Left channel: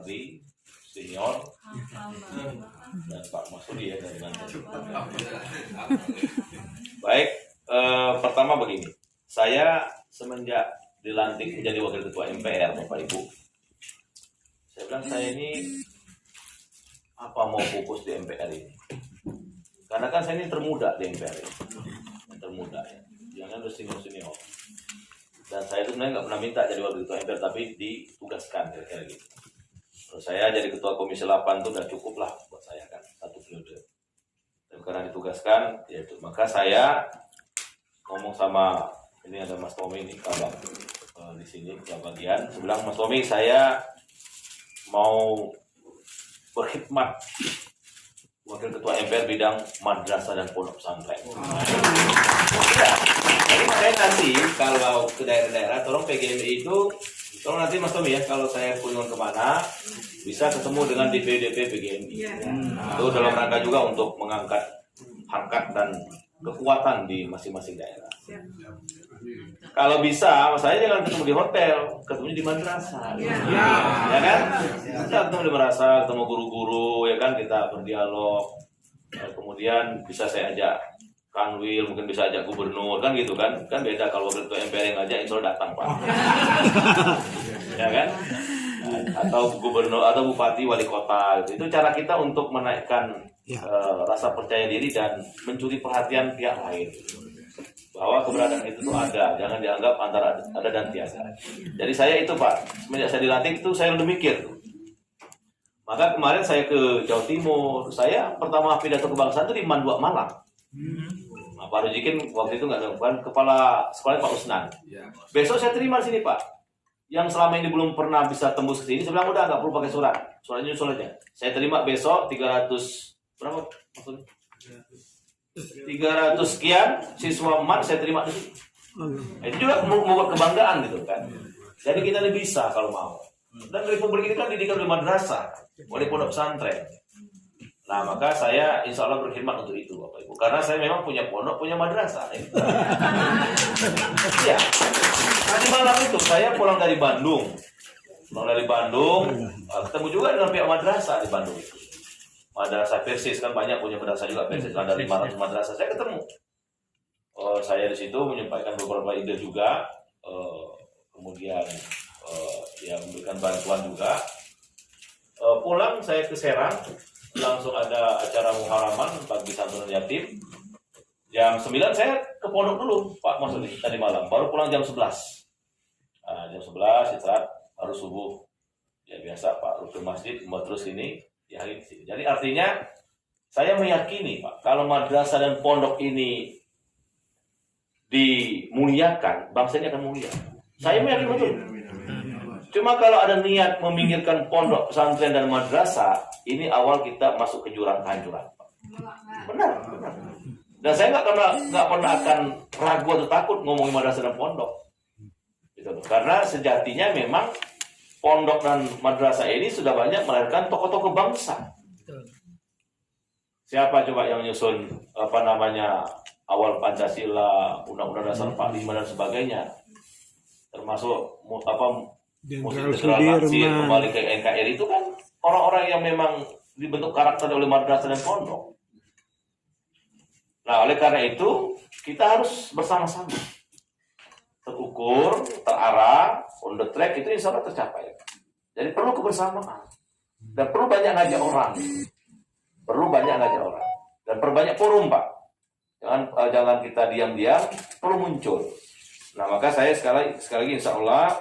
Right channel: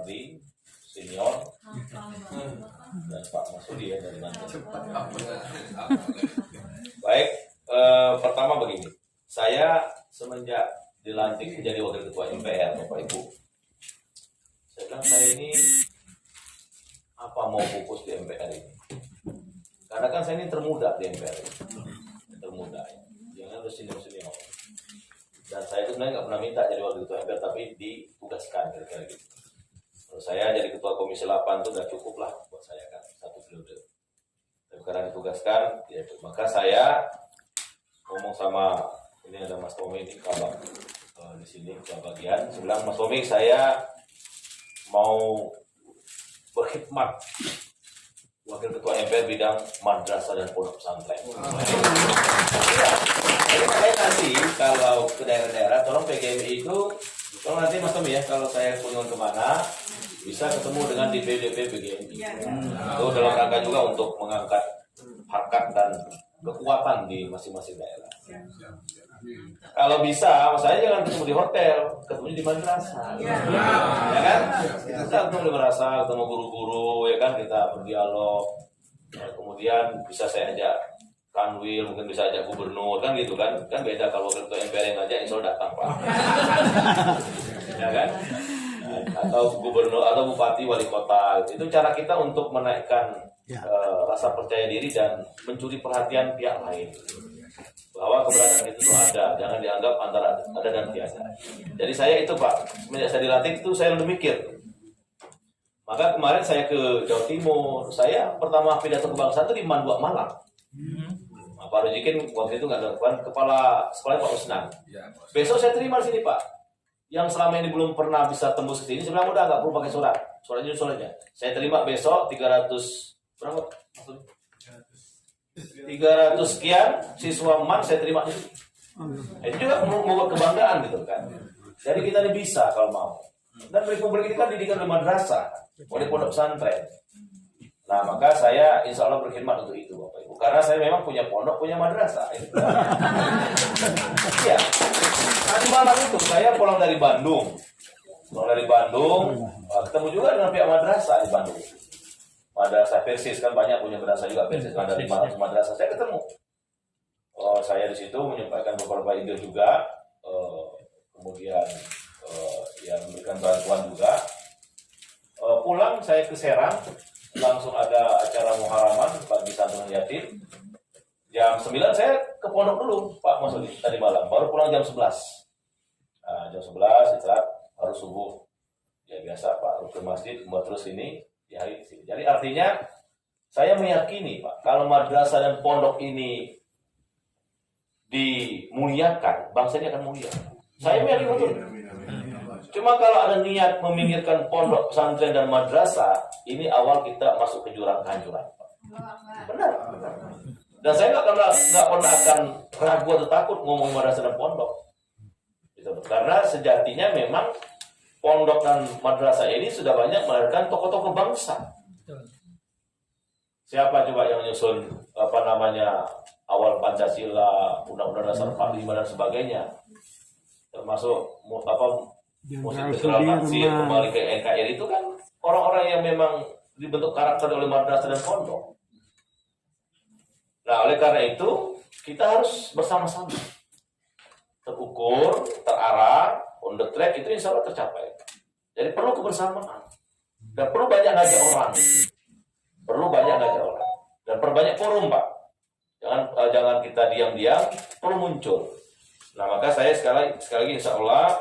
Ardi senior dan Pak Masudi ya dari Banten. Baik, pertama begini, saya semenjak dilantik menjadi wakil ketua MPR Bapak Ibu, saya bilang saya ini apa mau fokus di MPR ini, karena kan saya ini termuda di MPR ini, termuda ya, jangan udah senior. Dan saya itu sebenarnya nggak pernah minta jadi wakil ketua MPR, tapi ditugaskan kira-kira gitu. Terus saya jadi ketua komisi 8 itu udah cukup lah buat saya kan, 1 periode. Dan karena ditugaskan, ya itu. Maka saya ngomong sama, ini ada Mas Tommy ini kabang di sini ke bagian. Saya bilang, Mas Tommy, saya mau berkhidmat wakil ketua MPR bidang madrasah dan pondok pesantren. Jadi saya nanti kalau ke daerah-daerah, tolong PGMI itu, tolong nanti Mas Tommy ya, kalau saya kunjung kemana, bisa ketemu dengan DPD PGMI. Itu dalam rangka juga untuk mengangkat harkat dan kekuatan di masing-masing daerah. Kalau bisa, saya jangan ketemu di hotel, ketemu di madrasah. Ya kan? Kita ketemu di madrasah, ketemu guru-guru, ya kan, kita berdialog. Kemudian bisa saya ajak Kanwil, mungkin bisa ajak gubernur, kan gitu kan? Kan beda kalau ketua MPR yang ngajak, insya Allah datang Pak. Ya kan? Atau gubernur atau bupati wali kota, itu cara kita untuk menaikkan rasa percaya diri dan mencuri perhatian pihak lain. Bahwa keberadaan itu tuh ada, jangan dianggap antara ada dan tiada. Jadi saya itu Pak, semenjak saya dilantik itu saya udah mikir. Maka kemarin saya ke Jawa Timur, saya pertama pidato kebangsaan itu di Mandua Malang. Nah, Pak Rujikin waktu itu nggak ada, kepala sekolah Pak Usnan. Besok saya terima di sini Pak. Yang selama ini belum pernah bisa tembus ke sini, saya bilang udah nggak perlu pakai surat. Suratnya. Saya terima besok 300 berapa maksudnya? 300 sekian siswa MAN saya terima di sini. Nah, itu juga membuat kebanggaan gitu kan. Jadi kita ini bisa kalau mau. Dan Republik ini kan didikan oleh madrasah, oleh pondok pesantren. Nah, maka saya insya Allah berkhidmat untuk itu Bapak Ibu. Karena saya memang punya pondok, punya madrasah. Iya. Tadi malam itu saya pulang dari Bandung. Ketemu juga dengan pihak madrasah di Bandung itu. Madrasah Persis kan banyak punya madrasah juga Persis, ada 500 madrasah. Saya ketemu. Saya di situ menyampaikan beberapa ide juga. Kemudian ya memberikan bantuan juga. Pulang saya ke Serang, langsung ada acara muharaman bagi santunan yatim. Jam 9 saya ke pondok dulu Pak Masudi tadi malam, baru pulang jam 11. Jam 11 istirahat, harus subuh. Ya biasa Pak, rukun masjid, terus ini di hari ini. Jadi artinya saya meyakini Pak, kalau madrasah dan pondok ini dimuliakan, bangsa ini akan mulia. Saya meyakini betul. Cuma kalau ada niat meminggirkan pondok, pesantren dan madrasah, ini awal kita masuk ke jurang kehancuran. Benar. Dan saya nggak pernah akan ragu atau takut ngomongin madrasah dan pondok. Gitu. Karena sejatinya memang pondok dan madrasah ini sudah banyak melahirkan tokoh-tokoh bangsa. Siapa coba yang nyusun awal Pancasila, Undang-Undang Dasar 45 dan sebagainya, termasuk Jenderal Sudirman, kembali ke NKRI, itu kan orang-orang yang memang dibentuk karakter oleh madrasah dan pondok. Nah, oleh karena itu kita harus bersama-sama terukur, terarah, on the track, itu insya Allah tercapai. Jadi perlu kebersamaan dan perlu banyak ngajak orang, dan perbanyak forum Pak. Jangan kita diam-diam, perlu muncul. Nah, maka saya sekali lagi insya Allah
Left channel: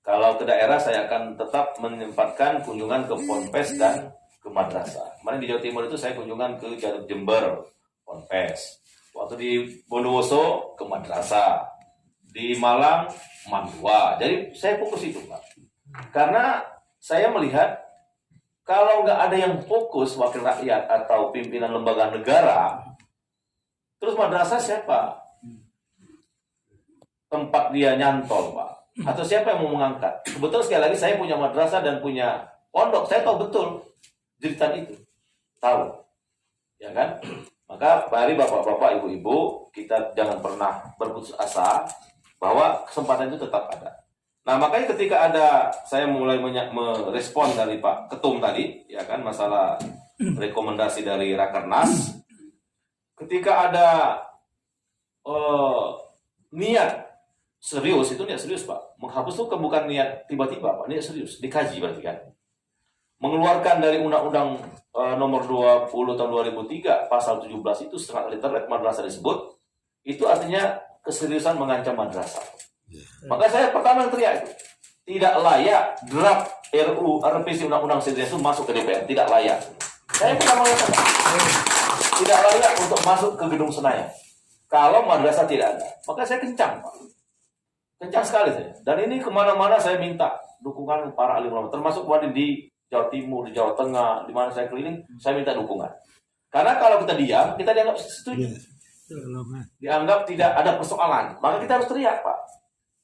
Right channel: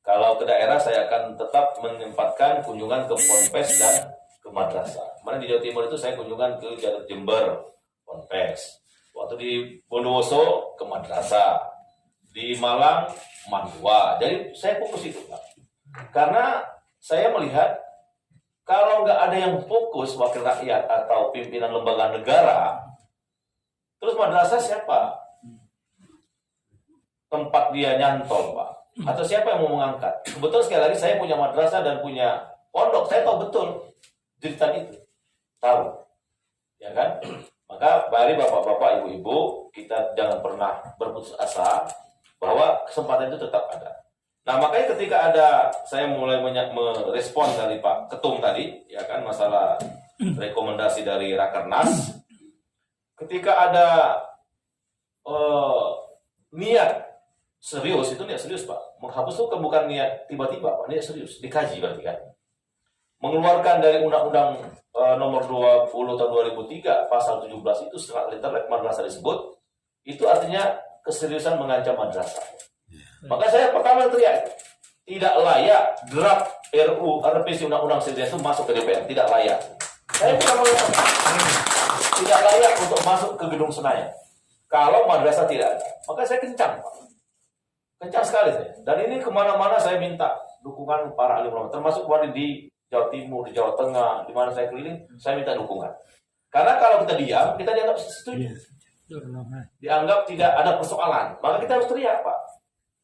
kalau ke daerah saya akan tetap menempatkan kunjungan ke Ponpes dan ke madrasah. Kemarin di Jawa Timur itu saya kunjungan ke Garut Jember, Ponpes. Waktu di Bondowoso ke madrasah. Di Malang, Mandua. Jadi saya fokus itu Pak. Karena saya melihat kalau nggak ada yang fokus wakil rakyat atau pimpinan lembaga negara, terus madrasah siapa? Tempat dia nyantol Pak. Atau siapa yang mau mengangkat? Kebetulan sekali lagi saya punya madrasah dan punya pondok. Saya tahu betul jeritan itu. Tahu. Ya kan? Maka mari bapak-bapak, ibu-ibu, kita jangan pernah berputus asa bahwa kesempatan itu tetap ada. Nah, makanya ketika saya mulai merespon dari Pak Ketum tadi, ya kan, masalah rekomendasi dari Rakernas, ketika ada niat serius, itu niat serius Pak. Menghapus itu bukan niat tiba-tiba Pak, niat serius, dikaji berarti kan. Mengeluarkan dari Undang-Undang nomor 20 tahun 2003 pasal 17 itu setengah liter madrasah disebut, itu artinya keseriusan mengancam madrasah. Maka saya pertama teriak, tidak layak draft RUU revisi Undang-Undang Sejarah itu masuk ke DPR, tidak layak. Saya pertama tidak layak untuk masuk ke gedung Senayan. Kalau madrasah tidak ada, maka saya kencang, Pak. Kencang sekali saya. Dan ini kemana-mana saya minta dukungan para alim ulama, termasuk di Jawa Timur, di Jawa Tengah, di mana saya keliling, saya minta dukungan. Karena kalau kita diam, kita dianggap setuju. Dianggap tidak ada persoalan, maka kita harus teriak, Pak.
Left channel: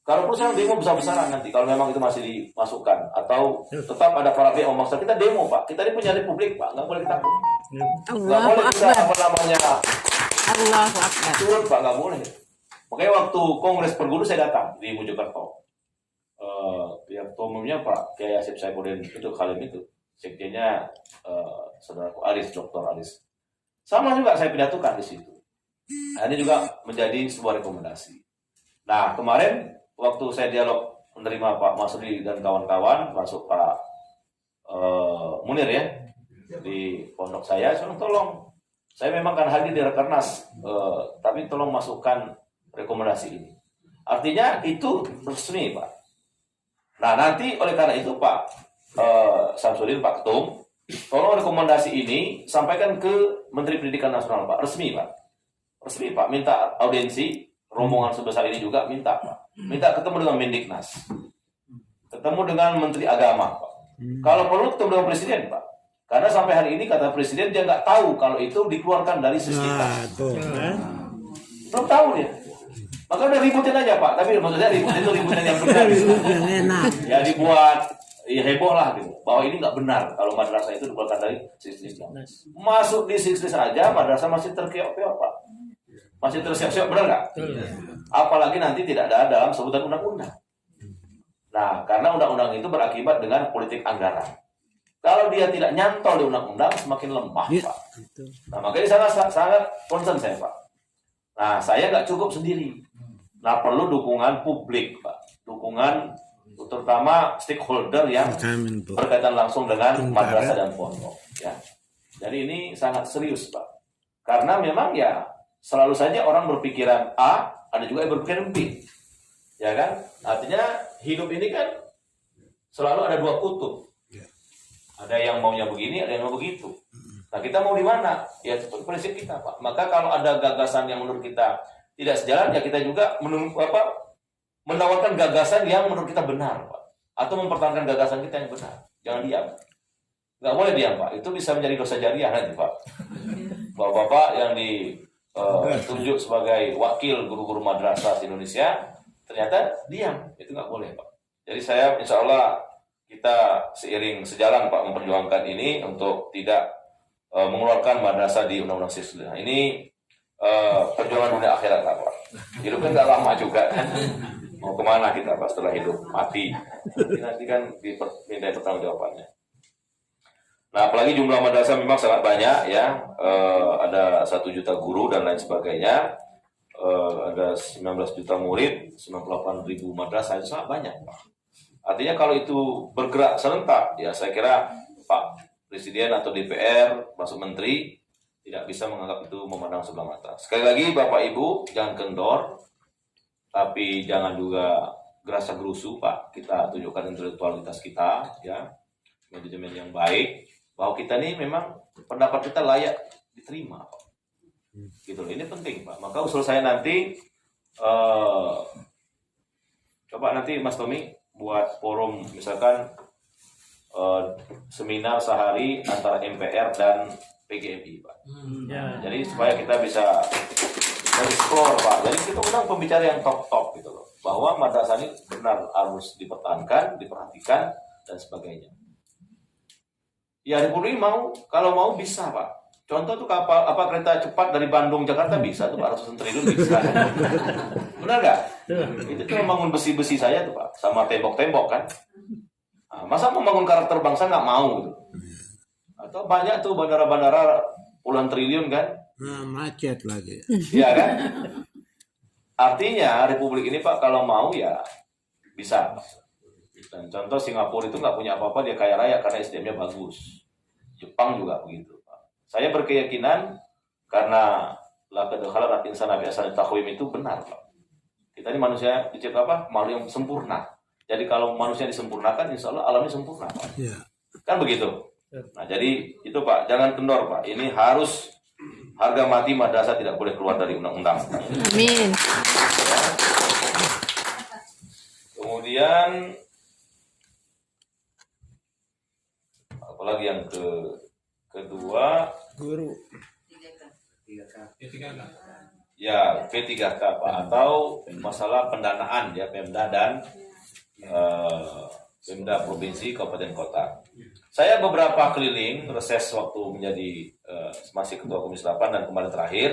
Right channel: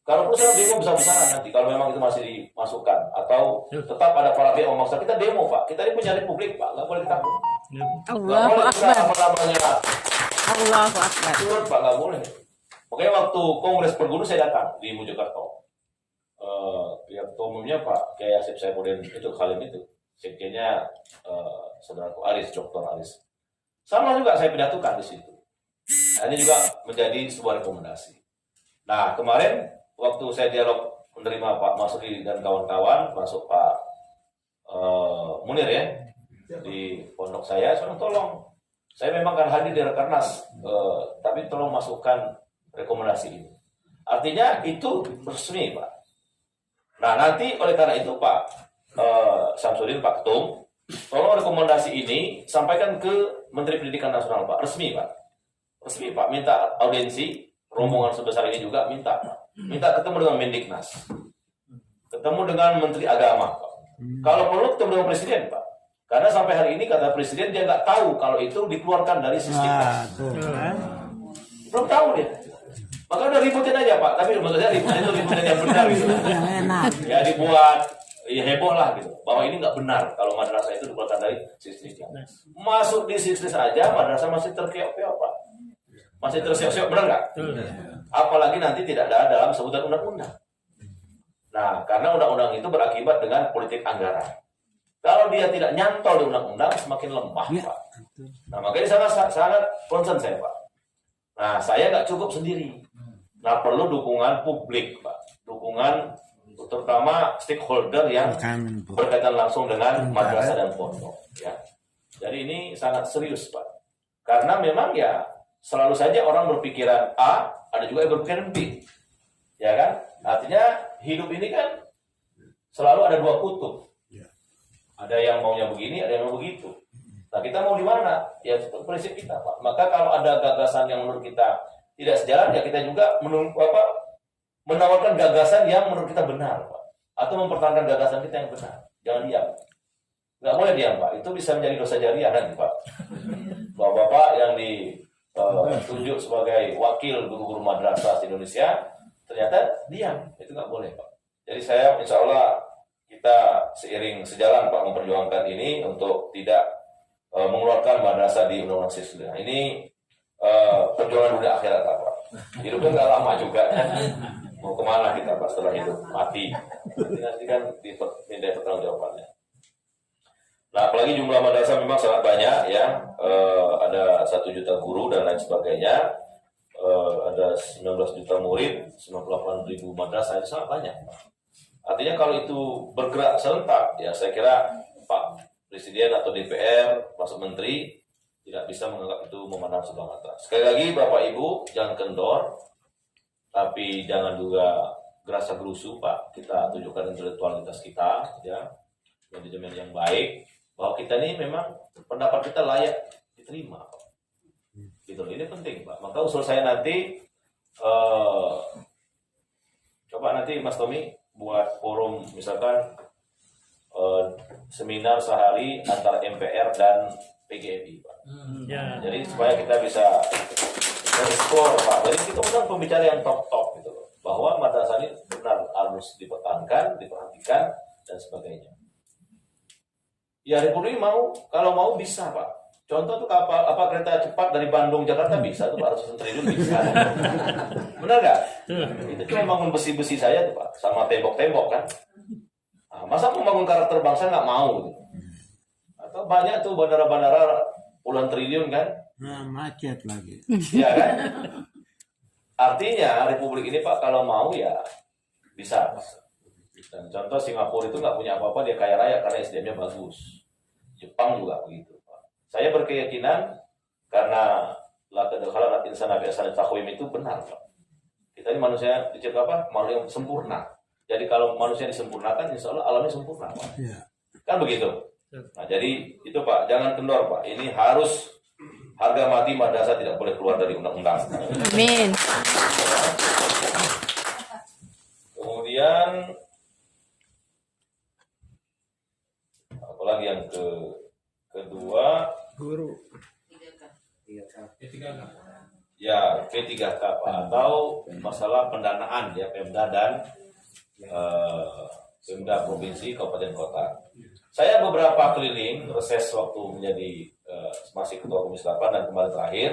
Kalau perlu demo besar-besaran nanti, kalau memang itu masih dimasukkan, atau tetap ada para pihak memaksa, kita demo Pak. Kita ini punya republik Pak, nggak boleh takut. Allahu Akbar. Allahu Akbar. Turun Pak, nggak boleh. Makanya waktu Kongres Perguru saya datang di Mojokerto. Yang umumnya Pak Kiai Asep Saipudin itu Khalim itu, sekjennya saudaraku Aris, Dr. Aris. Sama juga saya pidatokan di situ. Nah, ini juga menjadi sebuah rekomendasi. Nah, kemarin waktu saya dialog menerima Pak Masudi dan kawan-kawan, masuk Pak Munir ya, di pondok saya tolong. Saya memang kan hadir di Rakernas, tapi tolong masukkan rekomendasi ini. Artinya itu resmi Pak. Nah, nanti oleh karena itu Pak Samsudin, Pak Ketum, tolong rekomendasi ini sampaikan ke Menteri Pendidikan Nasional Pak, resmi Pak. Resmi Pak, minta audiensi. Rombongan sebesar ini juga minta ketemu dengan Mendiknas, ketemu dengan Menteri Agama Pak. Kalau perlu ketemu dengan Presiden Pak, karena sampai hari ini kata Presiden dia nggak tahu kalau itu dikeluarkan dari sistem. Belum tahu dia. Maka udah ributin aja Pak, tapi maksudnya ributin yang benar gitu. Ya dibuat ya heboh lah gitu, bahwa ini nggak benar kalau madrasah itu dikeluarkan dari sistem. Masuk di sistem aja madrasah masih terkeok-keok Pak. Masih tersiok-siok, benar nggak? Apalagi nanti tidak ada dalam sebutan undang-undang. Nah, karena undang-undang itu berakibat dengan politik anggaran. Kalau dia tidak nyantol di undang-undang, semakin lemah, Pak. Nah, makanya sangat concern saya, Pak. Nah, saya nggak cukup sendiri. Nah, perlu dukungan publik, Pak. Dukungan terutama stakeholder yang berkaitan langsung dengan madrasah dan pondok. Ya. Jadi ini sangat serius, Pak. Karena memang ya selalu saja orang berpikiran A, ada juga yang berpikiran B. Ya kan? Artinya hidup ini kan selalu ada dua kutub. Ada yang maunya begini, ada yang mau begitu. Nah, kita mau di mana? Ya itu prinsip kita, Pak. Maka kalau ada gagasan yang menurut kita tidak sejalan, ya kita juga menawarkan gagasan yang menurut kita benar, Pak. Atau mempertahankan gagasan kita yang benar. Jangan diam. Nggak boleh diam, Pak. Itu bisa menjadi dosa jariah nanti, Pak. Bapak-bapak yang ditunjuk sebagai wakil guru-guru madrasah di Indonesia ternyata diam, itu nggak boleh Pak. Jadi saya insya Allah kita seiring sejalan Pak memperjuangkan ini untuk tidak mengeluarkan madrasah di Undang-Undang Siswa. Ini perjuangan dunia akhirat Pak. Hidupnya nggak lama juga kan. Mau kemana kita Pak setelah hidup mati? Nanti kan diminta pertanggungjawabannya. Nah, apalagi jumlah madrasah memang sangat banyak ya, ada 1 juta guru dan lain sebagainya, ada 19 juta murid, 98.000 madrasah, itu sangat banyak. Artinya kalau itu bergerak serentak, ya saya kira Pak Presiden atau DPR, masuk Menteri, tidak bisa menganggap itu memandang sebelah mata. Sekali lagi Bapak Ibu, jangan kendor, tapi jangan juga gerasa gerusu Pak, kita tunjukkan intelektualitas kita, ya, manajemen yang baik, bahwa kita ini memang pendapat kita layak diterima, Pak. Gitu. Ini penting, Pak. Maka usul saya nanti, coba nanti Mas Tommy buat forum, misalkan seminar sehari antara MPR dan PGMI, Pak. Jadi supaya kita bisa explore, Pak. Jadi kita undang pembicara yang top gitu loh, bahwa madrasah ini benar harus dipertahankan, diperhatikan dan sebagainya. Ya Republik kalau mau bisa Pak. Contoh tuh kapal apa kereta cepat dari Bandung Jakarta bisa tuh Pak, ratusan triliun bisa. Benar nggak? Itu cuma bangun besi-besi saya tuh Pak, sama tembok-tembok kan. Nah, masa membangun karakter bangsa nggak mau gitu? Atau banyak tuh bandara-bandara puluhan triliun kan? Nah, macet lagi. Iya kan? Artinya Republik ini Pak kalau mau ya bisa. Dan contoh Singapura itu nggak punya apa-apa, dia kaya raya karena SDM-nya bagus. Jepang juga begitu. Saya berkeyakinan karena laqad khalaqnal insana fi ahsani taqwim itu benar, Pak. Kita ini manusia dicipta apa? Makhluk yang sempurna. Jadi kalau manusia disempurnakan, insya Allah alamnya sempurna, Pak. Ya. Kan begitu. Nah, jadi itu Pak, jangan kendor, Pak. Ini harus harga mati madrasah tidak boleh keluar dari undang-undang. Amin. Kemudian apalagi yang kedua, Guru. ya P3K Pak, atau masalah pendanaan ya Pemda dan Pemda provinsi kabupaten kota. Saya beberapa keliling reses waktu menjadi masih ketua Komisi 8 dan kemarin terakhir,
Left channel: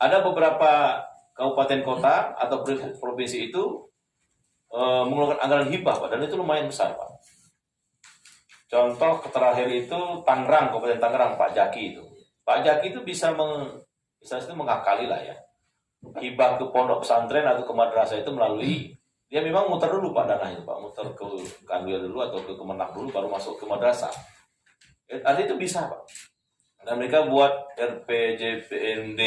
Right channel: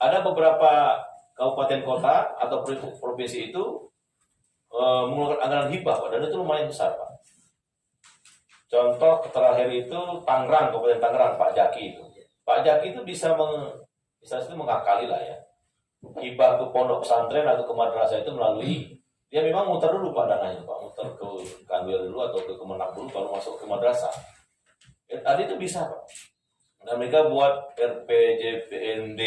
ada beberapa kabupaten kota atau provinsi itu mengeluarkan anggaran hibah Pak, dan itu lumayan besar Pak. Contoh terakhir itu Tangerang, Kabupaten Tangerang, Pak Jaki itu. Pak Jaki itu bisa mengakali lah ya. Hibah ke pondok pesantren atau ke madrasah itu melalui, dia memang muter dulu Pak dananya Pak, muter ke Kanwil dulu atau ke Kemenak dulu baru masuk ke madrasah. Ada itu bisa Pak. Dan mereka buat RPJPND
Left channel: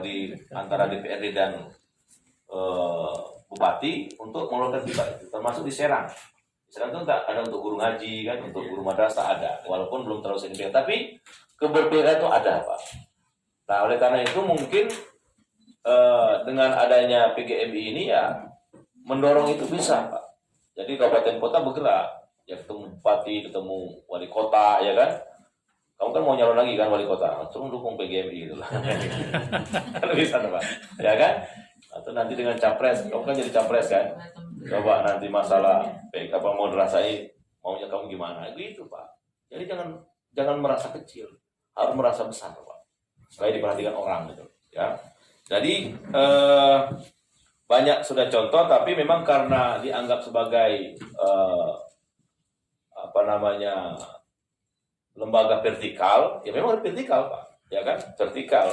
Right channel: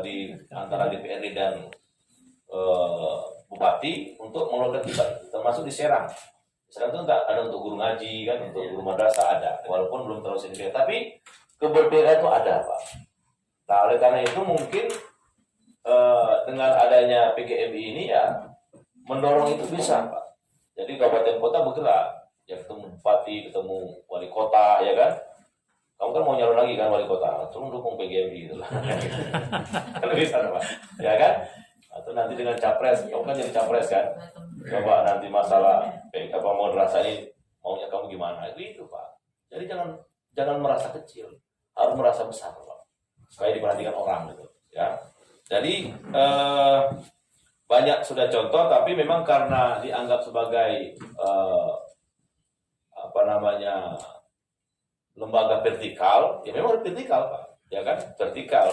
di antara DPRD dan Bupati untuk mengeluarkan hibah itu, termasuk di Serang. Serang itu ada untuk guru ngaji kan, untuk guru madrasah ada, walaupun belum terlalu signifikan, tapi keberbedaan itu ada Pak. Nah oleh karena itu mungkin dengan adanya PGMI ini ya mendorong itu bisa Pak. Jadi kabupaten kota bergerak, ya ketemu bupati, ketemu wali kota ya kan. Kamu kan mau nyalon lagi kan wali kota, langsung dukung PGMI gitu lah. Kalau bisa Pak, ya kan? Atau nanti dengan capres, kamu kan jadi capres kan? Coba nanti masalah apa mau dirasain maunya kamu gimana itu Pak. Jadi jangan merasa kecil, harus merasa besar Pak, supaya diperhatikan orang gitu ya. Jadi banyak sudah contoh, tapi memang karena dianggap sebagai lembaga vertikal, ya memang vertikal Pak, ya kan, vertikal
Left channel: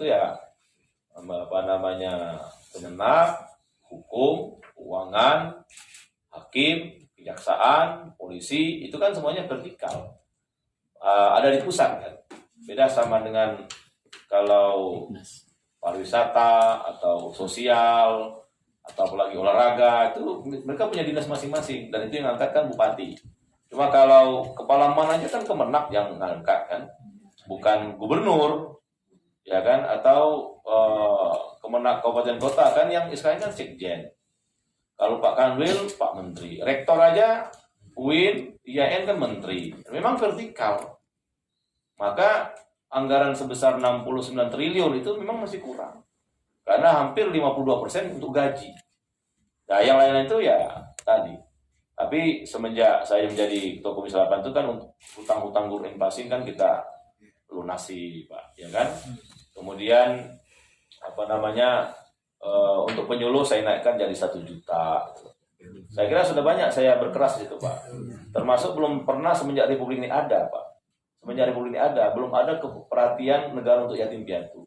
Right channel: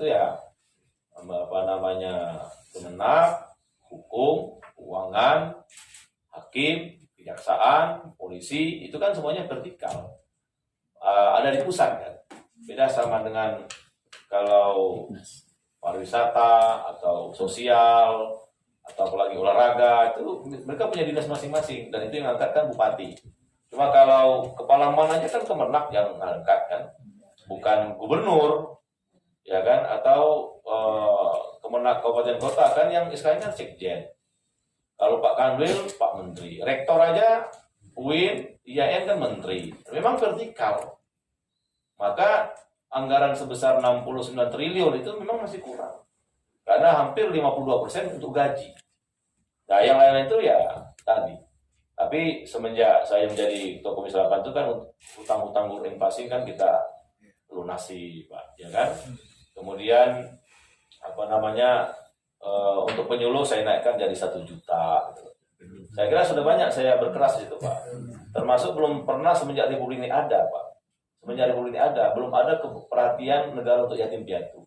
itu ya Kemenak, hukum, keuangan, hakim, kejaksaan, polisi, itu kan semuanya vertikal. Ada di pusat kan. Beda sama dengan kalau pariwisata atau sosial atau apalagi olahraga, itu mereka punya dinas masing-masing dan itu yang angkat kan bupati. Cuma kalau kepala mananya kan Kemenak yang ngangkat kan, bukan gubernur, ya kan, atau Kemenak kabupaten kota kan yang sekarang kan sekjen. Kalau Pak Kanwil, Pak Menteri. Rektor aja, UIN, IAIN kan Menteri. Memang vertikal. Maka anggaran sebesar 69 triliun itu memang masih kurang. Karena hampir 52% untuk gaji. Nah yang lain itu ya tadi. Tapi semenjak saya menjadi Ketua Komisi 8 itu kan hutang-hutang guru Enpasing kan kita lunasi Pak. Ya kan? Kemudian untuk penyuluh saya naikkan jadi 1 juta. Saya kira sudah banyak saya berkeras di situ Pak. Termasuk belum pernah semenjak Republik ini ada Pak. Semenjak Republik ini ada, belum ada perhatian negara untuk yatim piatu.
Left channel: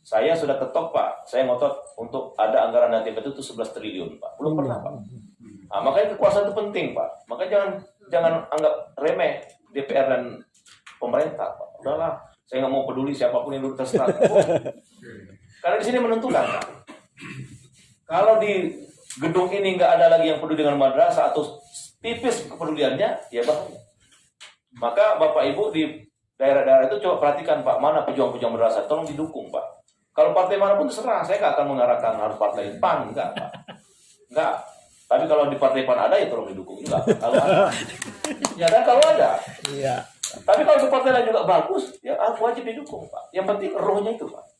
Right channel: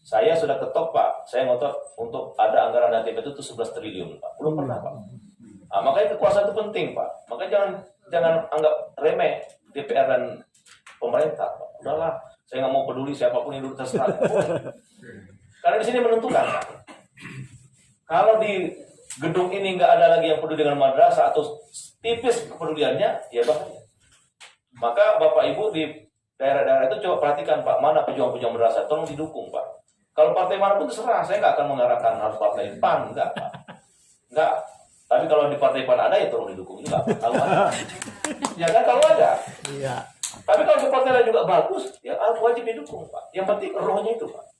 Saya sudah ketok Pak, saya ngotot untuk ada anggaran yatim piatu itu 11 triliun Pak. Belum pernah Pak. Nah, makanya kekuasaan itu penting Pak. Makanya jangan anggap remeh DPR dan pemerintah Pak. Udahlah, saya nggak mau peduli siapapun yang duduk terserah. Karena di sini menentukan Pak. Kalau di gedung ini nggak ada lagi yang peduli dengan madrasah atau tipis kepeduliannya, ya bahaya. Maka Bapak Ibu di daerah-daerah itu coba perhatikan Pak, mana pejuang-pejuang madrasah, tolong didukung Pak. Kalau partai manapun terserah, saya nggak akan mengarahkan harus partai PAN, enggak Pak. Enggak. Tapi kalau di partai PAN ada ya tolong didukung juga. Ya kan kalau ada. Iya. Tapi kalau di partai lain juga bagus, ya wajib didukung Pak. Yang penting rohnya itu Pak.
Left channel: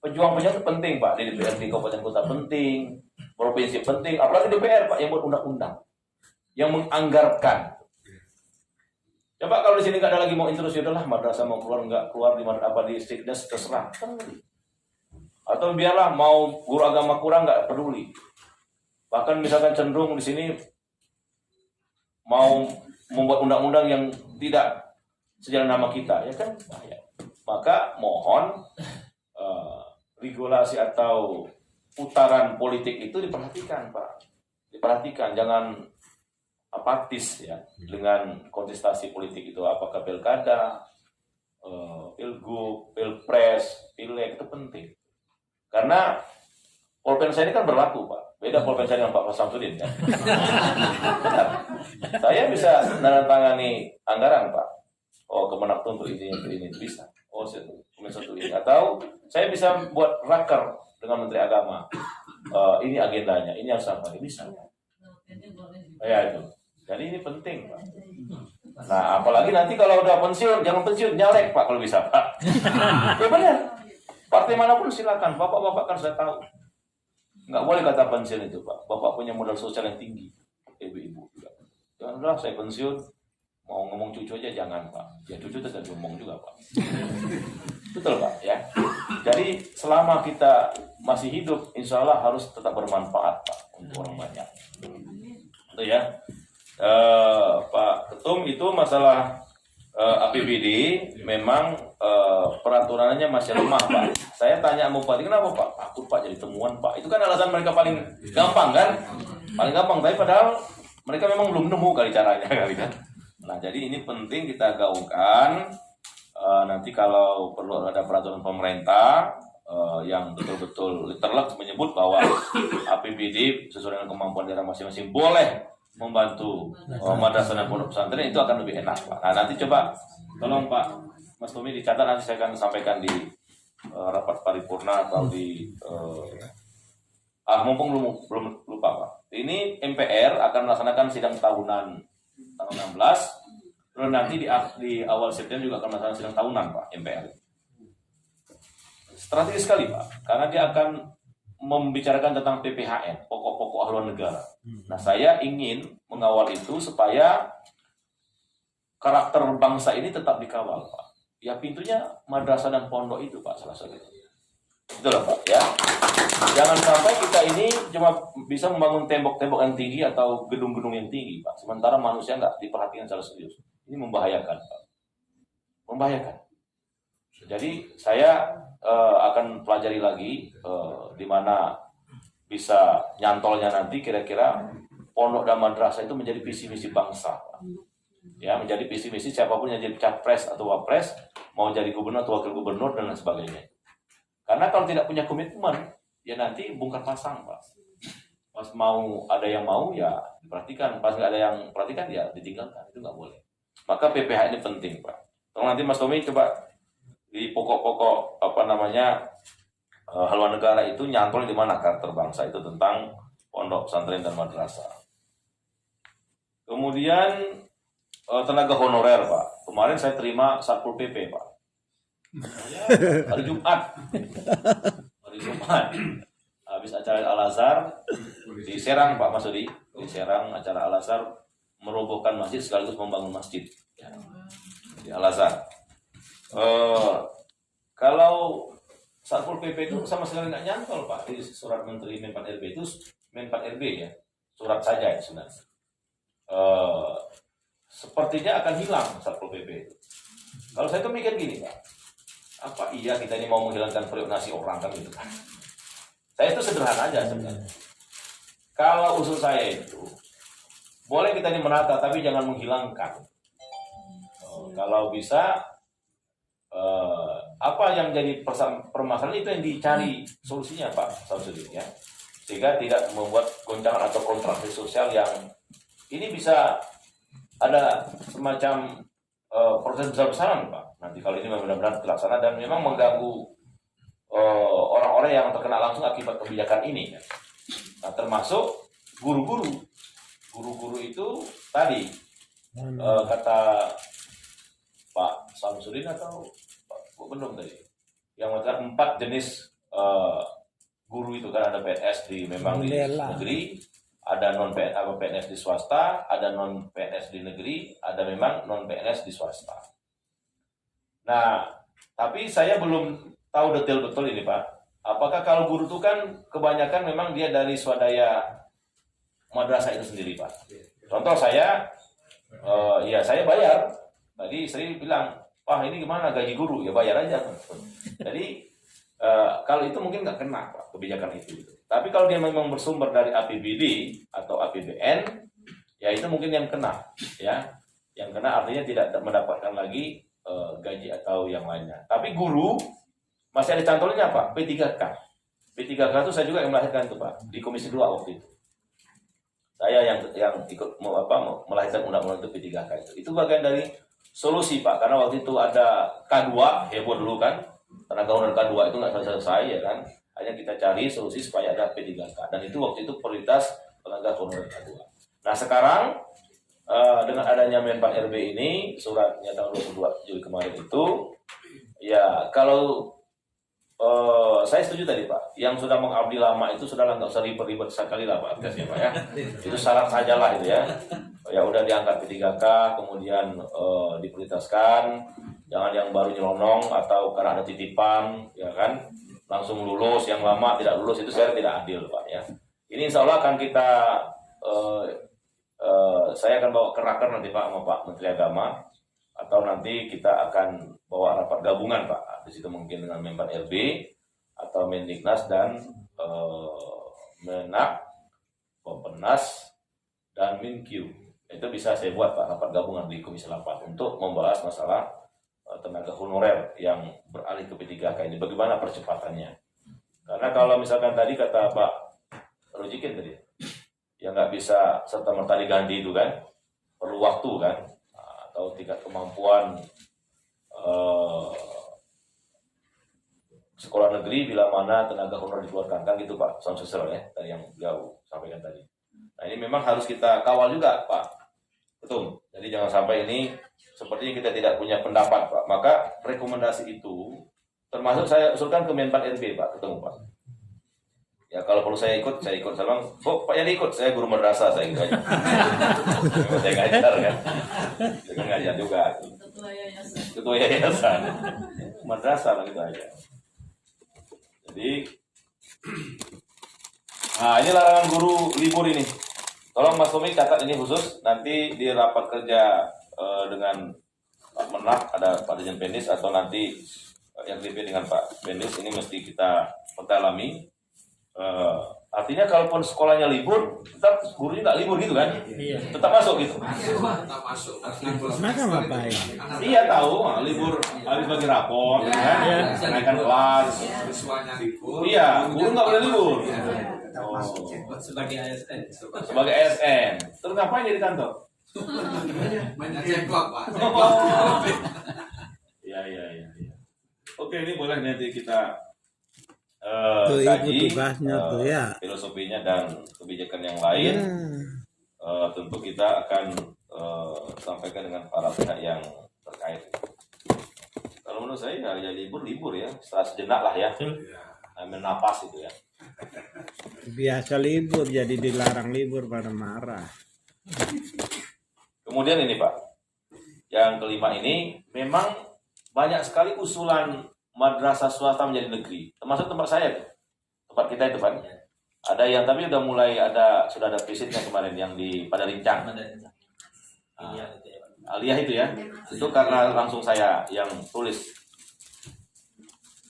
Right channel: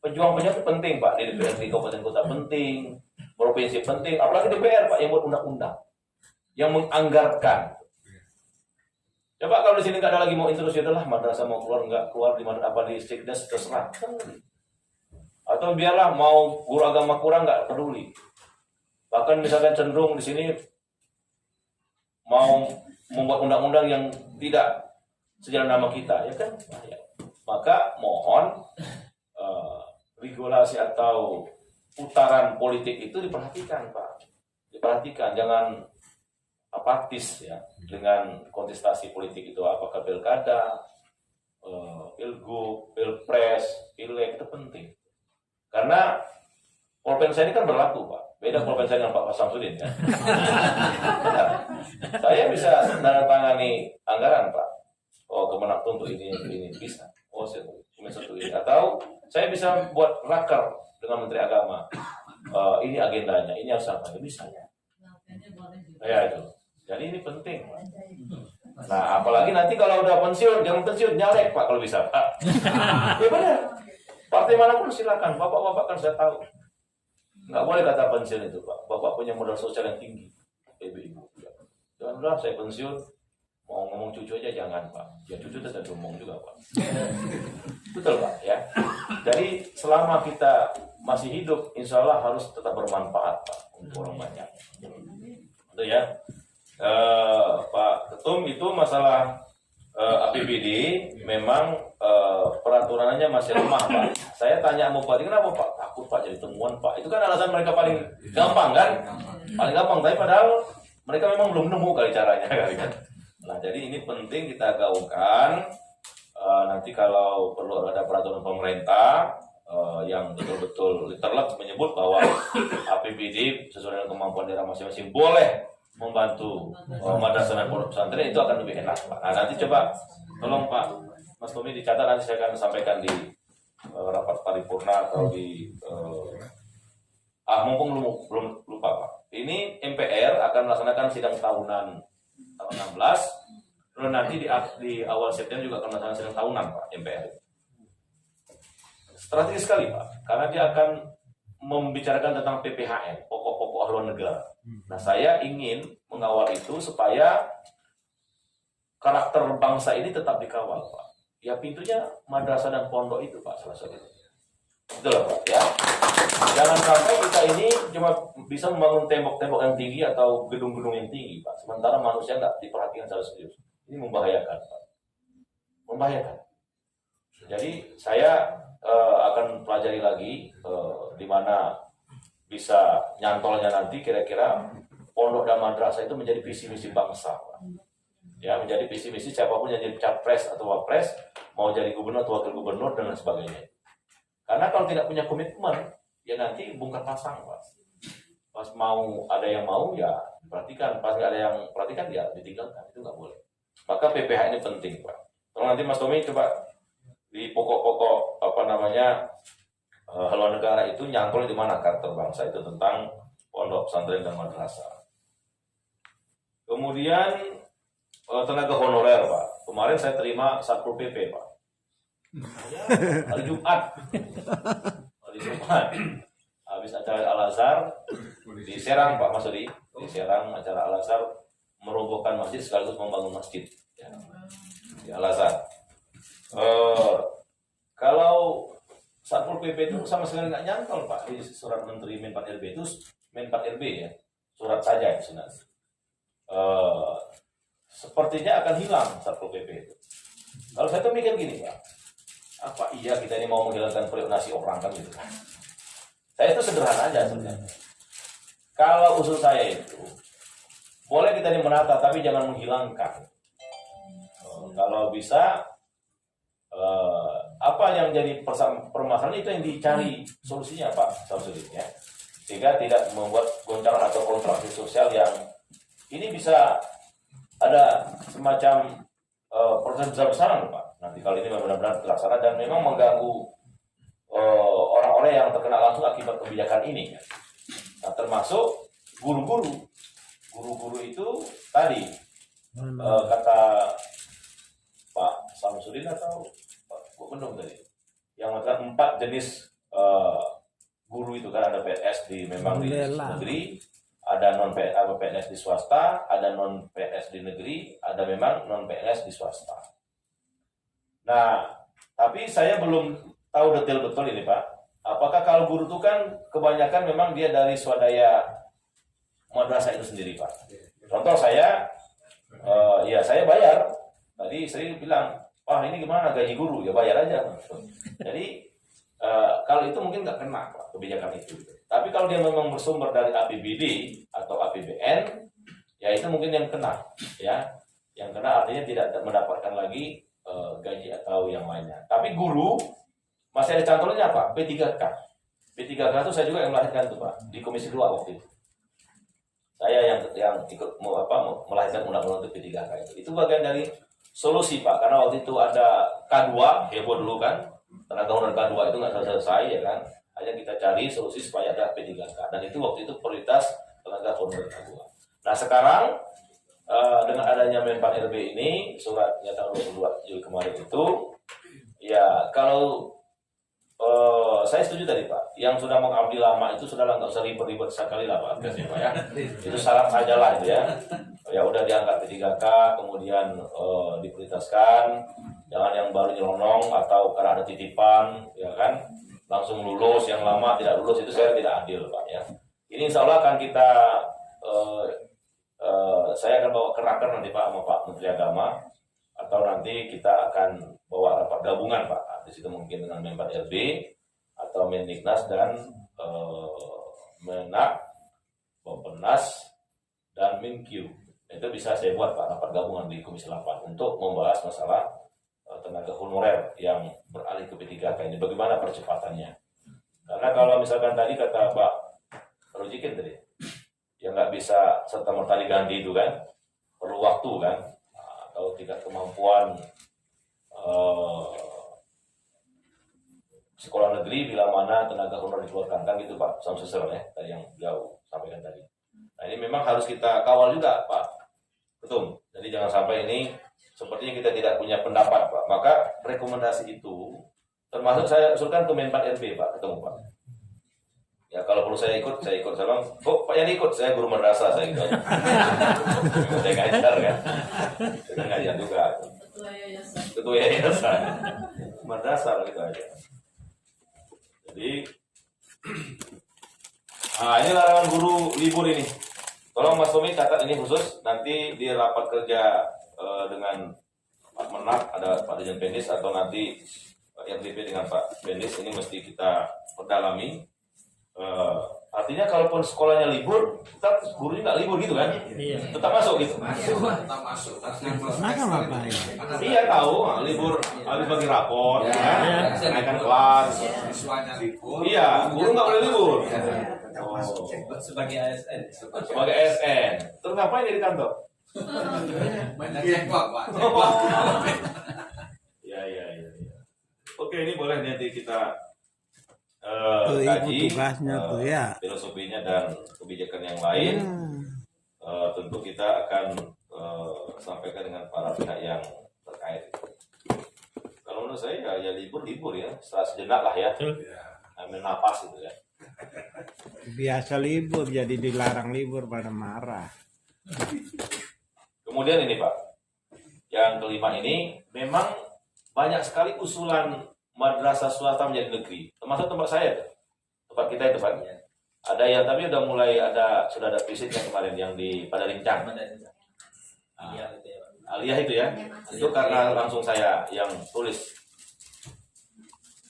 Pejuang-pejuang itu penting Pak, di DPR di kabupaten kota penting, provinsi penting, apalagi DPR Pak yang buat undang-undang, yang menganggarkan. Coba kalau di sini nggak ada lagi mau interus, ya udahlah madrasah mau keluar nggak keluar di apa di Sikdes terserah. Atau biarlah mau guru agama kurang nggak peduli. Bahkan misalkan cenderung di sini mau membuat undang-undang yang tidak sejalan nama kita, ya kan? Maka mohon regulasi atau putaran politik itu diperhatikan, Pak. Diperhatikan, jangan apatis ya dengan kontestasi politik itu, apakah pilkada, pilgub, pilpres, pileg, itu penting. Karena polpensa ini kan berlaku, Pak. Beda polpensa dengan Pak Samsudin kan. Benar. Saya bisa menandatangani anggaran, Pak. Oh, Kemenak untuk ini bisa. Oh, satu ini. Atau saya bisa buat raker dengan Menteri Agama. Ini agendanya, ini harus apa? Bisa. Ya itu. Jadi ini penting, Pak. Nah, apalagi nanti kalau udah pensiun, jangan pensiun, nyalek, Pak, kalau bisa, Pak. Ya benar. Partai manapun silakan, bapak-bapak kan sudah tahu. Nggak boleh kata pensiun itu, Pak. Bapak punya modal sosial yang tinggi. Ibu-ibu juga. Janganlah saya pensiun, mau ngomong cucu aja jangan, Pak. Ya cucu tetap ngomong juga, Pak. Betul, Pak, ya. Jadi selama kita masih hidup, insya Allah harus tetap bermanfaat, Pak, untuk orang banyak. Itu ya. Pak Ketum, itu masalah APBD memang peraturannya masih lemah, Pak. Saya tanya sama Bupati, kenapa Pak? Takut Pak jadi temuan, Pak. Itu kan alasan mereka paling gampang kan? Paling gampang, tapi padahal mereka memang belum nemu kali caranya kali kan. Nah, jadi ini penting kita gaungkan. Nanti kalau perlu ada peraturan pemerintah yang betul-betul literally menyebut bahwa APBD sesuai dengan kemampuan daerah masing-masing boleh membantu madrasah dan pondok pesantren, itu akan lebih enak, Pak. Nah, nanti coba tolong Pak Mas Tommy dicatat, nanti saya akan sampaikan di rapat paripurna atau di mumpung belum lupa, Pak. Ini MPR akan melaksanakan sidang tahunan tahun 16, lalu nanti di awal September juga akan melaksanakan sidang tahunan, Pak, MPR. Strategis sekali, Pak, karena dia akan membicarakan tentang PPHN, pokok-pokok haluan negara. Nah, saya ingin mengawal itu supaya karakter bangsa ini tetap dikawal, Pak. Ya, pintunya madrasah dan pondok itu, Pak, salah satunya. Betul, Pak, ya. Jangan sampai kita ini cuma bisa membangun tembok-tembok yang tinggi atau gedung-gedung yang tinggi, Pak. Sementara manusia nggak diperhatikan secara serius. Ini membahayakan, Pak. Membahayakan. Jadi saya akan pelajari lagi di mana bisa nyantolnya nanti kira-kira pondok dan madrasah itu menjadi visi misi bangsa, ya, menjadi visi misi siapapun yang jadi capres atau wapres, mau jadi gubernur atau wakil gubernur dan lain sebagainya. Karena kalau tidak punya komitmen, ya nanti bongkar pasang, Pak. Pas mau ada yang mau ya diperhatikan, pas nggak ada yang perhatikan ya ditinggalkan, itu nggak boleh. Maka PPH ini penting, Pak. Tolong nanti Mas Tommy coba di pokok-pokok haluan negara itu nyangkul di mana karakter bangsa itu tentang pondok pesantren dan madrasah. Kemudian tenaga honorer, Pak. Kemarin saya terima Satpol PP, Pak. Hari Jumat. Habis acara Al-Azhar di Serang, Pak Masudi. Di Serang acara Al-Azhar merobohkan masjid sekaligus membangun masjid. Ya. Di Al-Azhar. Kalau Satpol PP itu sama sekali nggak nyantol, Pak, di surat Menteri Men4 RB itu Men4 RB ya, surat saja itu sebenarnya. Sepertinya akan hilang Satpol PP itu. Kalau saya tuh mikir gini, Pak, apa iya kita ini mau menghilangkan periuk nasi orang kan gitu kan? Saya itu sederhana aja sebenarnya. Kalau usul saya itu boleh kita ini menata, tapi jangan menghilangkan. Kalau bisa apa yang jadi permasalahan itu yang dicari solusinya, Pak Samsudin, ya, sehingga tidak membuat goncangan atau kontraksi sosial yang ini bisa ada semacam proses besar-besaran, Pak. Nanti kalau ini benar-benar terlaksana dan memang mengganggu orang-orang yang terkena langsung akibat kebijakan ini, ya. Nah, termasuk guru-guru itu tadi kata Pak Samsudin atau Gubernur tadi yang mengatakan 4 jenis guru itu kan, ada PNS memang di negeri, ada PNS di swasta, ada non PNS di negeri, ada memang non PNS di swasta. Nah, tapi saya belum tahu detail betul ini Pak. Apakah kalau guru itu kan kebanyakan memang dia dari swadaya madrasah itu sendiri Pak. Contoh saya, ya saya bayar. Tadi saya bilang, wah ini gimana gaji guru? Ya bayar aja. Jadi kalau itu mungkin nggak kena Pak, kebijakan itu. Tapi kalau dia memang bersumber dari APBD atau APBN, ya itu mungkin yang kena, ya. Yang kena artinya tidak mendapatkan lagi gaji atau yang lainnya. Tapi guru masih ada cantolannya Pak, P3K. P3K itu saya juga yang melahirkan itu Pak, di Komisi 2 waktu itu. Saya yang ikut melahirkan undang-undang untuk P3K itu. Itu bagian dari solusi Pak, karena waktu itu ada K2, heboh dulu kan. Tenaga honor K2 itu nggak selesai ya kan. Hanya kita cari solusi supaya ada P3K. Dan itu waktu itu prioritas tenaga honor K2. Nah sekarang dengan adanya Menpan RB ini, suratnya tahun 22 Juli kemarin itu, ya kalau saya setuju tadi Pak, yang sudah mengabdi lama itu sudah nggak usah ribet-ribet sekali lah Pak, ya Pak ya. Itu syarat saja lah itu ya. Ya udah diangkat P3K, kemudian diprioritaskan, jangan yang baru nyelonong atau karena ada titipan, ya kan, langsung lulus, yang lama tidak lulus, itu saya tidak adil Pak ya. Ini insya Allah akan kita, saya akan bawa ke raker nanti Pak sama Pak Menteri Agama, atau nanti kita akan bawa rapat gabungan Pak. Di situ mungkin dengan Menpan RB atau Mendiknas dan Menak, Bappenas dan Minkyu. Itu bisa saya buat Pak rapat gabungan di Komisi 8 untuk membahas masalah tenaga honorer yang beralih ke P3K ini. Bagaimana percepatannya? Karena kalau misalkan tadi kata Pak Rojikin tadi, ya nggak bisa serta-merta diganti itu kan, perlu waktu kan, atau tingkat kemampuan sekolah negeri bila mana tenaga honor dikeluarkan kan gitu Pak, Samsusel ya tadi yang beliau sampaikan tadi. Nah ini memang harus kita kawal juga Pak Ketum. Jadi jangan sampai ini sepertinya kita tidak punya pendapat Pak. Maka rekomendasi itu termasuk saya usulkan ke Menpan RB Pak, ketemu Pak. Ya kalau perlu saya ikut sama. Oh Pak yang ikut, saya guru madrasah saya gitu aja. Saya ngajar kan. Saya ngajar juga. Ketua yayasan. Madrasah gitu aja. Jadi, nah ini larangan guru libur ini. Tolong Mas Tommy catat ini khusus. Nanti di rapat kerja dengan Pak Menak, ada Pak Dirjen Pendis, atau nanti yang RDP dengan Pak Pendis, ini mesti kita perdalami. Artinya kalaupun sekolahnya libur, tetap gurunya nggak libur gitu kan? Iya. Tetap masuk gitu. Tetap masuk. Maka ngapain? Iya tahu, libur habis bagi rapor, kan? Naikkan kelas. Siswanya libur. Iya, guru nggak boleh libur. Sebagai ASN. Sebagai ASN. Terus ngapain di kantor? Banyak cekok Pak. Iya. Oke, ini boleh nanti kita Tuh ibu kaji tugasnya tuh ya. filosofinya dan kebijakan yang lain. Tentu kita akan sampaikan dengan para pihak yang terkait. Kalau menurut saya ya libur ya, setelah sejenak lah ya, ambil napas itu ya. Biasa libur jadi dilarang libur pada marah. Kemudian ini Pak, yang kelima ini memang banyak sekali usulan madrasah swasta menjadi negeri, termasuk tempat saya tuh, tempat kita itu Pak. Ada yang tapi sudah ada visitnya kemarin yang di Padalincang. Aliyah itu ya, itu karena langsung saya yang tulis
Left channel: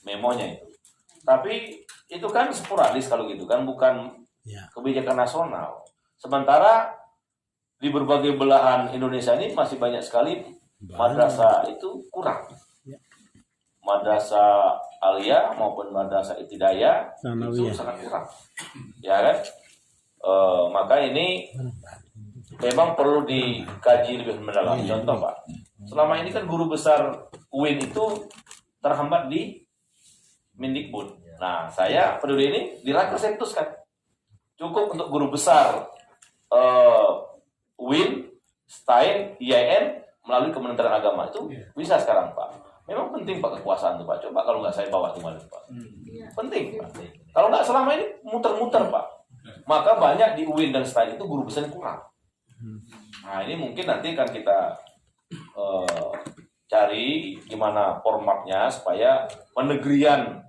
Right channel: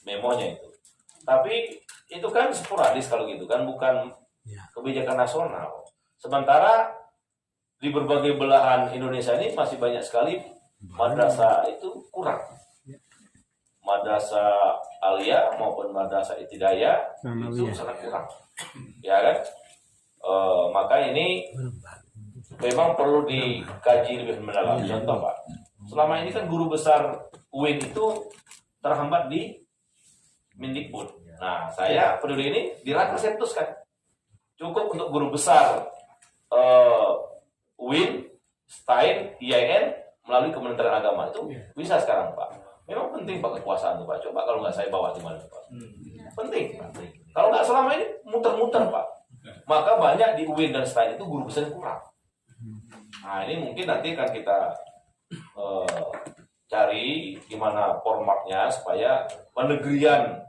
memonya itu. Tapi itu kan sporadis kalau gitu kan, bukan kebijakan nasional. Sementara di berbagai belahan Indonesia ini masih banyak sekali madrasah itu kurang. Madrasah Aliyah maupun madrasah Ibtidaiyah itu sangat kurang, ya kan? Maka ini memang perlu dikaji lebih mendalam. Contoh Pak, selama ini kan guru besar UIN itu terhambat di Mendikbud. Nah, saya peduli ini di Raker Septus kan, cukup untuk guru besar UIN, STAIN, IAIN melalui Kementerian Agama itu bisa sekarang Pak. Memang penting Pak kekuasaan itu Pak. Coba kalau nggak saya bawa di mana Pak. Penting Pak. Kalau nggak selama ini muter-muter Pak. maka banyak di UIN dan STAN itu guru besar kurang. Nah ini mungkin nanti kan kita cari gimana formatnya supaya penegrian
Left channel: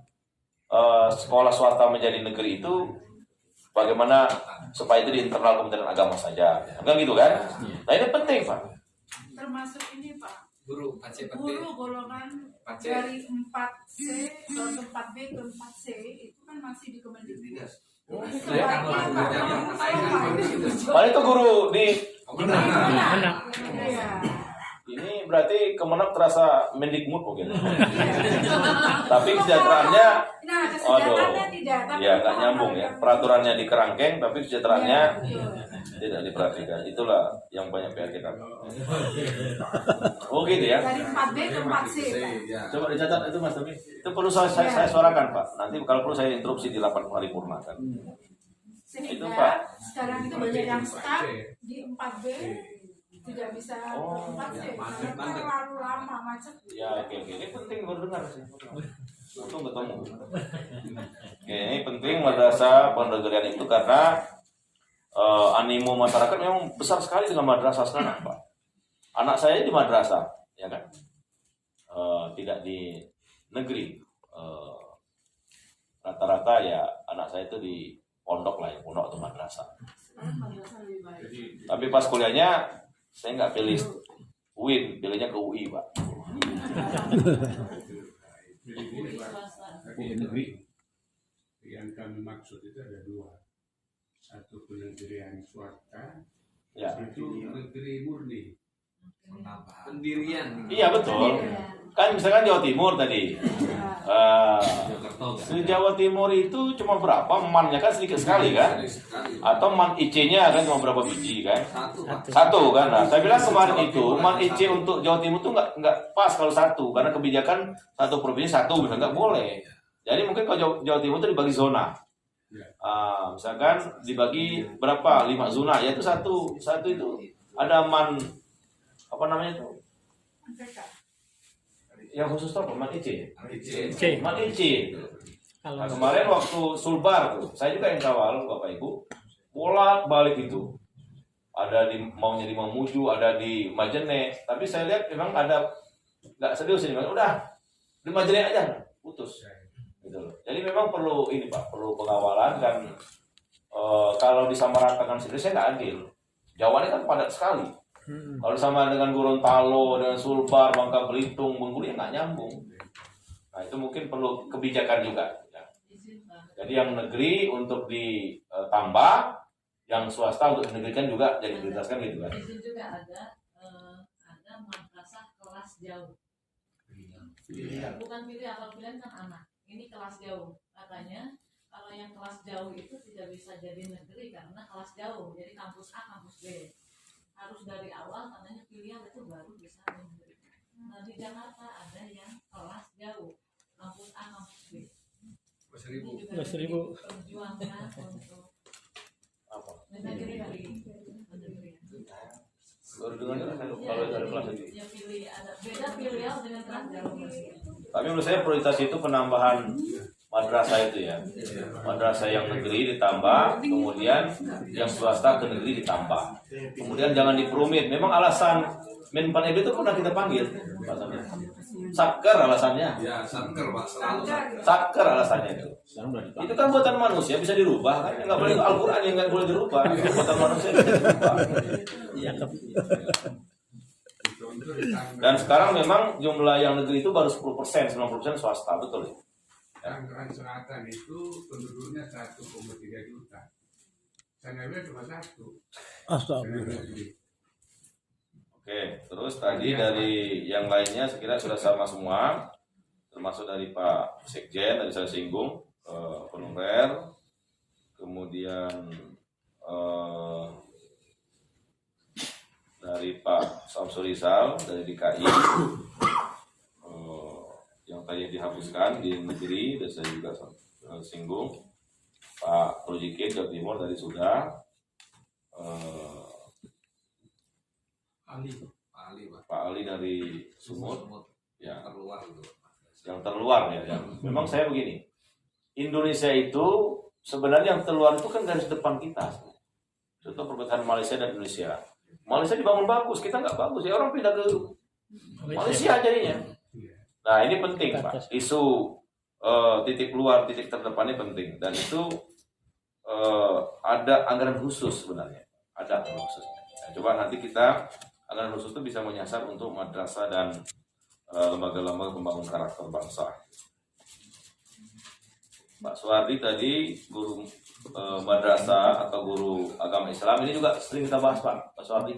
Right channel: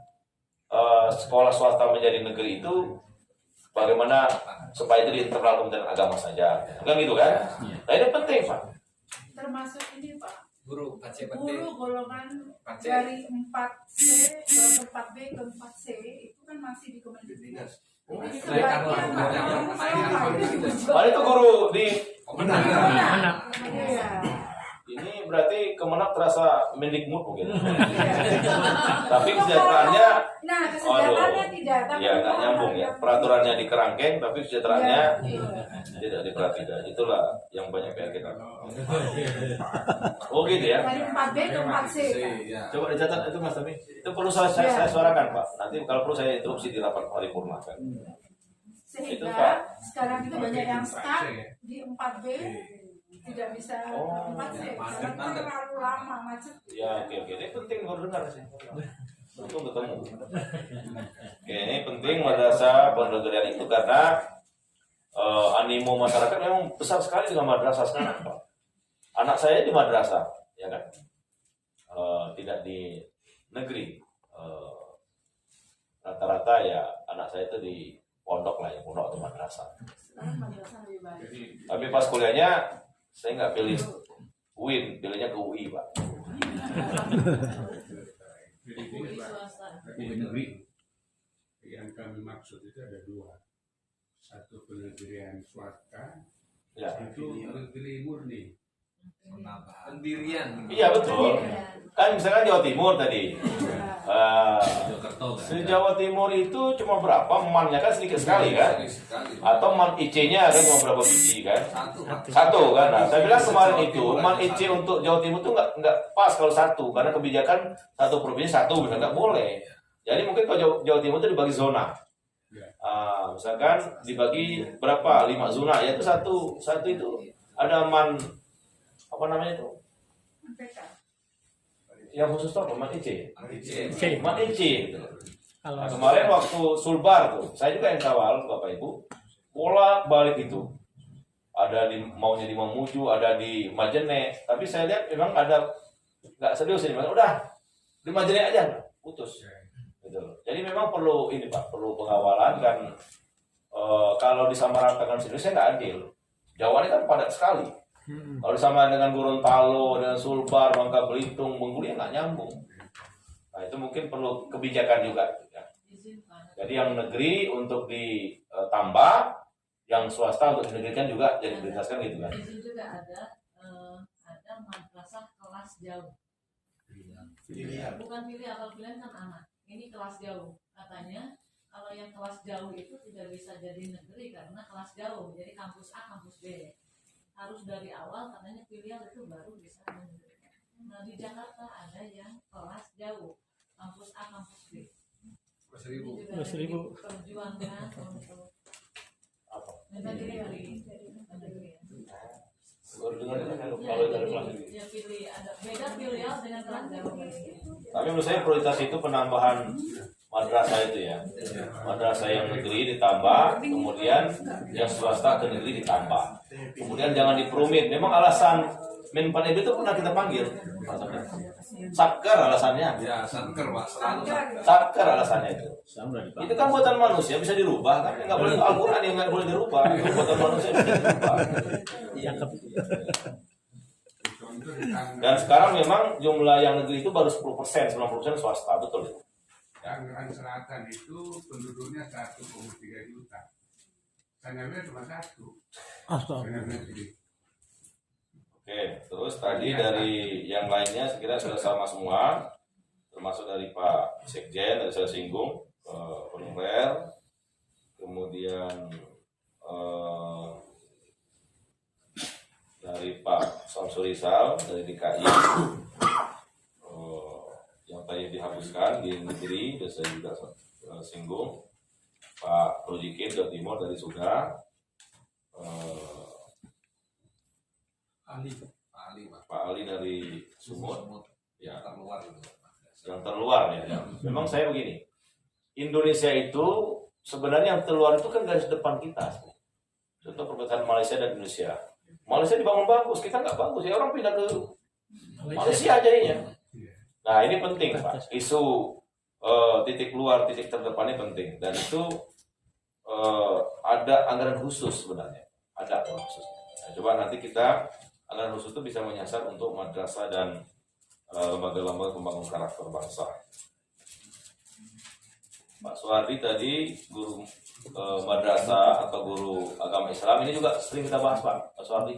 sekolah swasta menjadi negeri itu bagaimana supaya itu di internal Kementerian Agama saja, kan gitu kan? Nah ini penting Pak. Termasuk ini Pak, Guru KCPT. guru golongan KC. dari 4C ke 4B ke 4C itu kan masih di Kemendikbud. Jadi Nah itu guru di Kemenang. Iya. ini berarti Kemenak terasa mendikmut mungkin. Tapi kesejahteraannya, Nah, kesejahteraannya tidak, tapi ya nggak nyambung ya. Peraturannya di kerangkeng, tapi kesejahteraannya Iya. tidak diperhatikan. Itulah yang banyak pihak kita. Oh gitu ya. Dari 4B ke 4C Pak. Ya. Coba dicatat itu Mas Tommy. Itu perlu saya suarakan Pak. Nanti kalau perlu saya interupsi di rapat paripurna kan. Itu, Sehingga Pak. sekarang itu banyak yang stuck di 4B tidak bisa Oh, 4C macet karena terlalu lama macet. Ya oke. Ini penting baru dengar sih. Untung ketemu. Oke, ini penting madrasah penegrian itu karena animo masyarakat memang besar sekali dengan madrasah sekarang Pak. Anak saya di madrasah, ya kan? Tidak di negeri. Rata-rata ya anak saya itu di pondok lah ya, pondok atau madrasah. Sekarang madrasah lebih baik. Tapi pas kuliahnya saya nggak pilih UIN, pilihnya ke UI Pak. Tapi negeri yang kami maksud itu ada dua. Satu penegrian swasta, Ya. itu negeri murni. Pendirian. Iya betul. Kan misalkan Jawa Timur tadi. Di Jawa Timur itu cuma berapa? Man-nya kan sedikit sekali kan? Atau man IC-nya kan cuma berapa biji kan? Satu kan? Nah, saya bilang kemarin itu man IC untuk Jawa Timur itu nggak pas kalau satu karena kebijakan satu provinsi satu bisa nggak boleh. Jadi mungkin kalau Jawa Timur itu dibagi zona. Misalkan dibagi berapa? 5 zona, yaitu satu itu ada man apa namanya itu? MPK. Yang khusus tuh apa? Man IC. IC. Man IC. Nah, kemarin waktu Sulbar tuh, saya juga yang kawal Bapak Ibu, bolak-balik itu. Ada maunya di Mamuju, ada di Majene, tapi saya lihat memang ada nggak serius ini, udah di Majene aja, putus. Gitu loh. Jadi memang perlu ini Pak, perlu pengawalan dan kalau disamaratakan seriusnya nggak adil. Jawa ini kan padat sekali. Kalau sama dengan Gorontalo, dengan Sulbar, Bangka Belitung, Bengkulu nggak nyambung. Nah itu mungkin perlu kebijakan juga. Ya. Jadi yang negeri untuk ditambah, yang swasta untuk dinegerikan juga jadi prioritaskan gitu kan. Di situ juga ada madrasah kelas jauh. Bukan pilih apa pilihan kan anak. Ini kelas jauh. Katanya kalau yang kelas jauh itu tidak bisa jadi negeri karena kelas jauh. Jadi kampus A, kampus B. Harus dari awal katanya pilihan itu baru bisa menegerikan. Nah di Jakarta ada yang kelas jauh. Kampus A, kampus B. Ini juga perjuangan untuk negeri dari negeri. Baru dengar kalau dari kelas ini. Ya pilih ada beda pilihan dengan kelas jauh. Tapi menurut saya prioritas itu penambahan madrasah itu ya. Madrasah yang negeri ditambah, kemudian yang swasta ke negeri ditambah. Kemudian jangan diperumit. Memang alasan Menpan itu pernah kita panggil, Pak Sabda. Sakker alasannya. Ya, satker Pak, selalu satker. Sakker alasannya itu. Itu kan buatan manusia bisa dirubah kan? Nggak boleh Al-Quran yang nggak boleh dirubah. Buatan manusia bisa dirubah. Dan sekarang memang jumlah yang negeri itu baru 10%, 90% swasta, betul ya? Tangerang Selatan itu penduduknya 1,3 juta. Sanawiyah cuma satu. Sanawiyah. Oke, terus tadi dari yang lainnya sekira sudah sama semua, termasuk dari Pak Sekjen, tadi saya singgung, honorer, kemudian dari Pak Samsul Rizal dari DKI, yang tadi dihapuskan di negeri, dan saya juga singgung, Pak Projikin Jawa Timur tadi sudah, Pak Ali dari Sumut, ya Terluar gitu. yang terluar ya. Memang saya begini, Indonesia itu sebenarnya yang keluar itu kan garis depan kita. Contoh perbatasan Malaysia dan Indonesia. Malaysia dibangun bagus, kita nggak bagus ya, orang pindah ke Malaysia jadinya. Nah ini penting Pak, isu titik keluar, titik terdepan ini penting, dan itu ada anggaran khusus sebenarnya, ada anggaran khusus. Nah, coba nanti kita anggaran khusus itu bisa menyasar untuk madrasah dan lembaga-lembaga pembangun karakter bangsa. Pak Suwardi tadi guru madrasah atau guru agama Islam ini juga sering kita bahas Pak Suwardi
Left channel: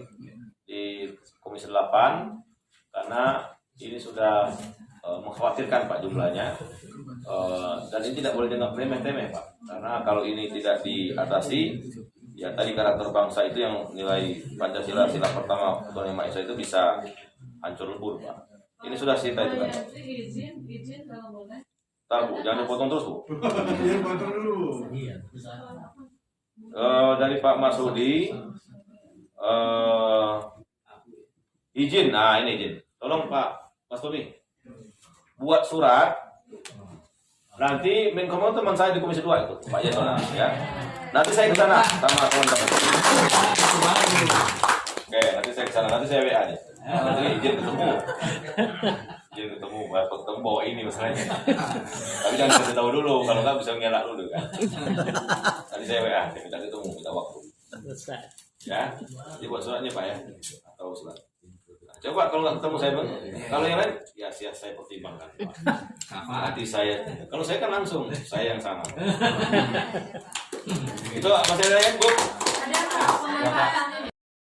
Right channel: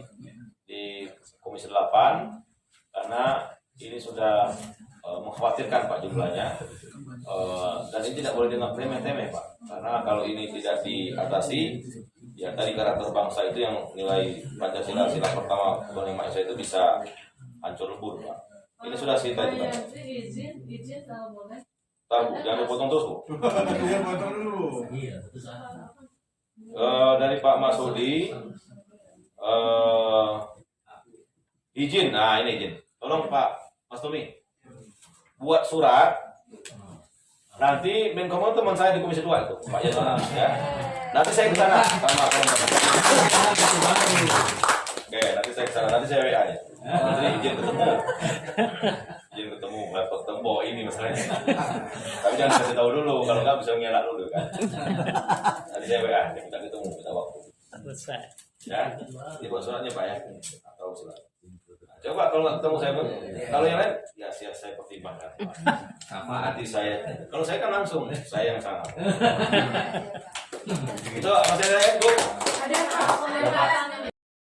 di Komisi 8, karena ini sudah mengkhawatirkan Pak jumlahnya, dan ini tidak boleh dianggap remeh-temeh Pak, karena kalau ini tidak diatasi ya tadi karakter bangsa itu yang nilai Pancasila sila pertama Bernama Esa itu bisa hancur lebur Pak. Ini sudah cerita itu kan. Izin kalau boleh. Ntar Bu, jangan dipotong terus Bu. Iya, potong dulu. Dari Pak Masudi, izin, nah ini izin. Tolong Pak Mas Tumi, buat surat. Nanti Menkominfo teman saya di Komisi 2 itu, Pak Yasona, ya. Nanti saya ke sana sama teman-teman. Oke, nanti saya ke sana, nanti saya WA aja. Nanti izin ketemu. Izin ketemu, ketemu bawa ini masalahnya. Tapi jangan kasih tahu dulu, kalau nggak bisa ngelak dulu kan. Nanti saya WA, saya minta ketemu, minta waktu. Ya, jadi buat suratnya Pak ya, atau surat. Coba kalau nggak ketemu saya, kalau yang lain ya saya pertimbangkan. Apa hati saya? Kalau saya kan langsung, saya yang sana. Itu masih ada yang Bu? Ada apa?